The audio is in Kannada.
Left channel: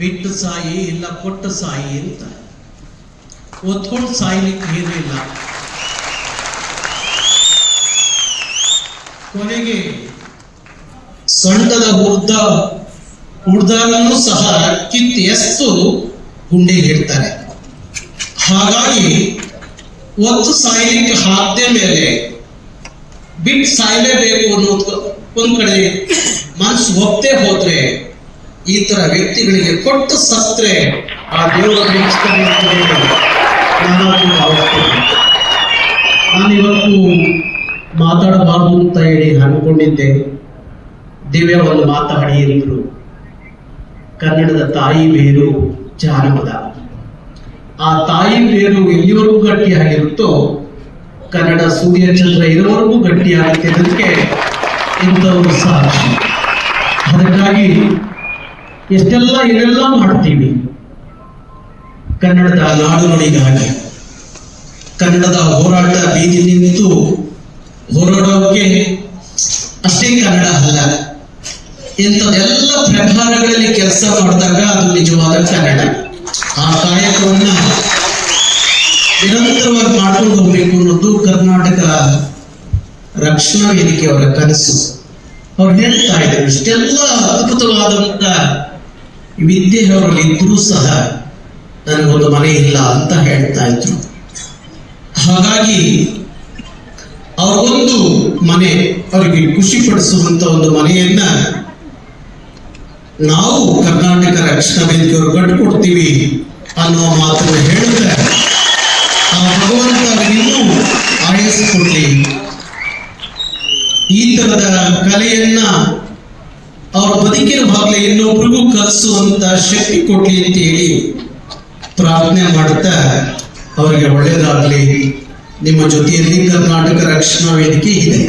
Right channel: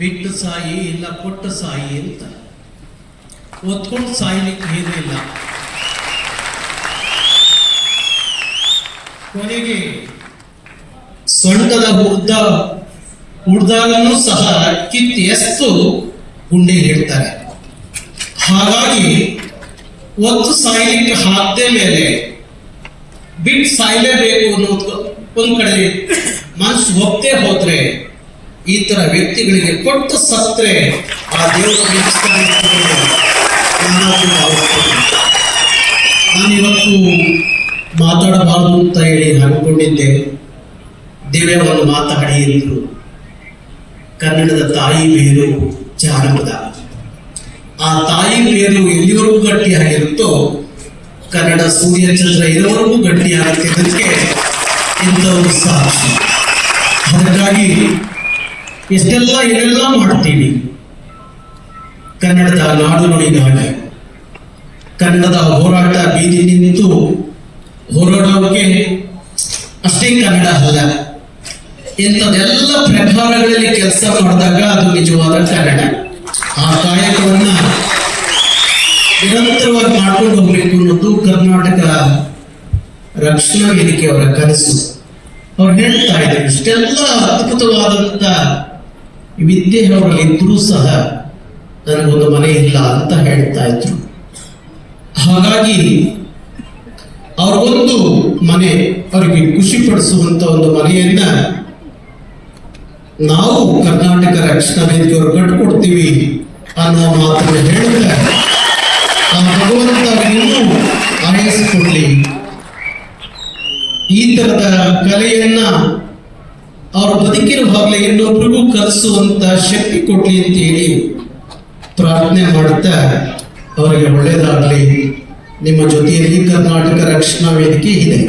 ಬಿಟ್ಟು ಸಾಯಿ ಇಲ್ಲ ಕೊಟ್ಟು ಸಾಯಿ ಅಂತ ಒತ್ಕೊಂಡು ಸಾಯ್ಲಿಕ್ಕೆ ಏನೂ ಇಲ್ಲ. ಕೊನೆಗೆ ಸೊಂಟದ ಹುಡ್ದಾಗನೂ ಸಹ ಕಿತ್ತು ಎಸ್ತು ಗುಂಡಿಗೆ ಇಡ್ತಾರೆ. ಹಾಗಾಗಿ ಒತ್ತು ಸಾಯ್ಲಿಕ್ಕೆ ಹಾಕದೆ ಮೇಲೆ ಬಿಟ್ಟು ಸಾಯ್ಲೇಬೇಕು ಅನ್ನೋದು ಒಂದ್ ಕಡೆ ಮನಸ್ಸು ಒಪ್ಪದೆ ಹೋದ್ರೆ ಈ ತರ ವ್ಯಕ್ತಿಗಳಿಗೆ ಕೊಟ್ಟು ಸತ್ರೆ ಆ ದೇವರ ನಾನಿವತ್ತು ಮಾತಾಡಬಾರ್ದು ಅಂತ ಹೇಳಿ ಅನ್ಕೊಂಡಿದ್ದೆ. ದಿವ್ಯ ಒಂದು ಮಾತಾಡಿ ಎಂದ್ರು. ಕನ್ನಡದ ತಾಯಿ ಬೇರು ಜಾನಪದ. ಆ ತಾಯಿ ಬೇರು ಎಲ್ಲಿವರೆಗೂ ಗಟ್ಟಿಯಾಗಿರುತ್ತೋ ಕನ್ನಡ ಸೂರ್ಯಚಂದ್ರ ಇರೋವರೆಗೂ ಗಟ್ಟಿಯಾಗುತ್ತಿದ್ದಕ್ಕೆ ಇಂಥವರು ಸಾಕ್ಷಿ. ಅದಕ್ಕಾಗಿ ಎಷ್ಟೆಲ್ಲ ಏನೆಲ್ಲ ಮಾಡ್ತೀವಿ ಕನ್ನಡದ ನಾಡು ನುಡಿಗಾಗಿ. ಕನ್ನಡದ ಹೋರಾಟ ಬೀದಿ ನಿಂತು ಹೋರಾಡೋಕೆ ಅಷ್ಟೇ ಕನ್ನಡ ಅಲ್ಲ, ಇಂಥದೆಲ್ಲ ಪ್ರಕಾರಗಳಲ್ಲಿ ಕೆಲಸ ಮಾಡಿದಾಗ ಅದು ನಿಜವಾದ ಕನ್ನಡ. ಆ ಕಾಯಕವನ್ನ ನಿರಂತರವಾಗಿ ಮಾಡ್ಕೊಂಡು ಹೋಗ್ಬೇಕು ಅನ್ನೋದು ಕರ್ನಾಟಕ ರಕ್ಷಣಾ ವೇದಿಕೆಯವರ ಕನಸು. ಅವ್ರು ಹೇಳ್ತಾ ಇದ್ರು, ಇಷ್ಟೆಲ್ಲ ಅದ್ಭುತವಾದಂತ ವಿದ್ಯೆ ಅವರಲ್ಲಿ ಇದ್ರೂ ಸಹ ನನಗೊಂದು ಮನೆ ಇಲ್ಲ ಅಂತ ಹೇಳ್ತಾ ಇದ್ರು. ಹಾಗಾಗಿ ಅವ್ರಿಗೊಂದು ಮನೆ, ಅವರಿಗೆ ಖುಷಿ ಪಡಿಸುವಂತ ಒಂದು ಮನೆಯನ್ನ ನಾವು ಕರ್ನಾಟಕ ರಕ್ಷಣಾ ವೇದಿಕೆಯವರು ಕಟ್ಟಿಕೊಡ್ತೀವಿ ಅನ್ನುವ ಮಾತನ್ನು ಹೇಳಿದ್ರೆ ಆ ಭಗವಂತ ಇನ್ನೂ ಆಯಸ್ಕೊಡ್ಲಿ, ಈ ತರದ ಕಲೆಯನ್ನ ಅವ್ರ ಬದುಕಿರುವಾಗಲೇ ಇನ್ನೊಬ್ರಿಗೂ ಕಲಿಸುವಂತ ಶಕ್ತಿ ಕೊಡ್ಲಿ ಅಂತ ಹೇಳಿ ಪ್ರಾರ್ಥನೆ ಮಾಡುತ್ತಾ ಅವರಿಗೆ ಒಳ್ಳೆಯದಾಗಲಿ. ನಿಮ್ಮ ಜೊತೆಯಲ್ಲಿ ಕರ್ನಾಟಕ ರಕ್ಷಣಾ ವೇದಿಕೆ ಇದೆ.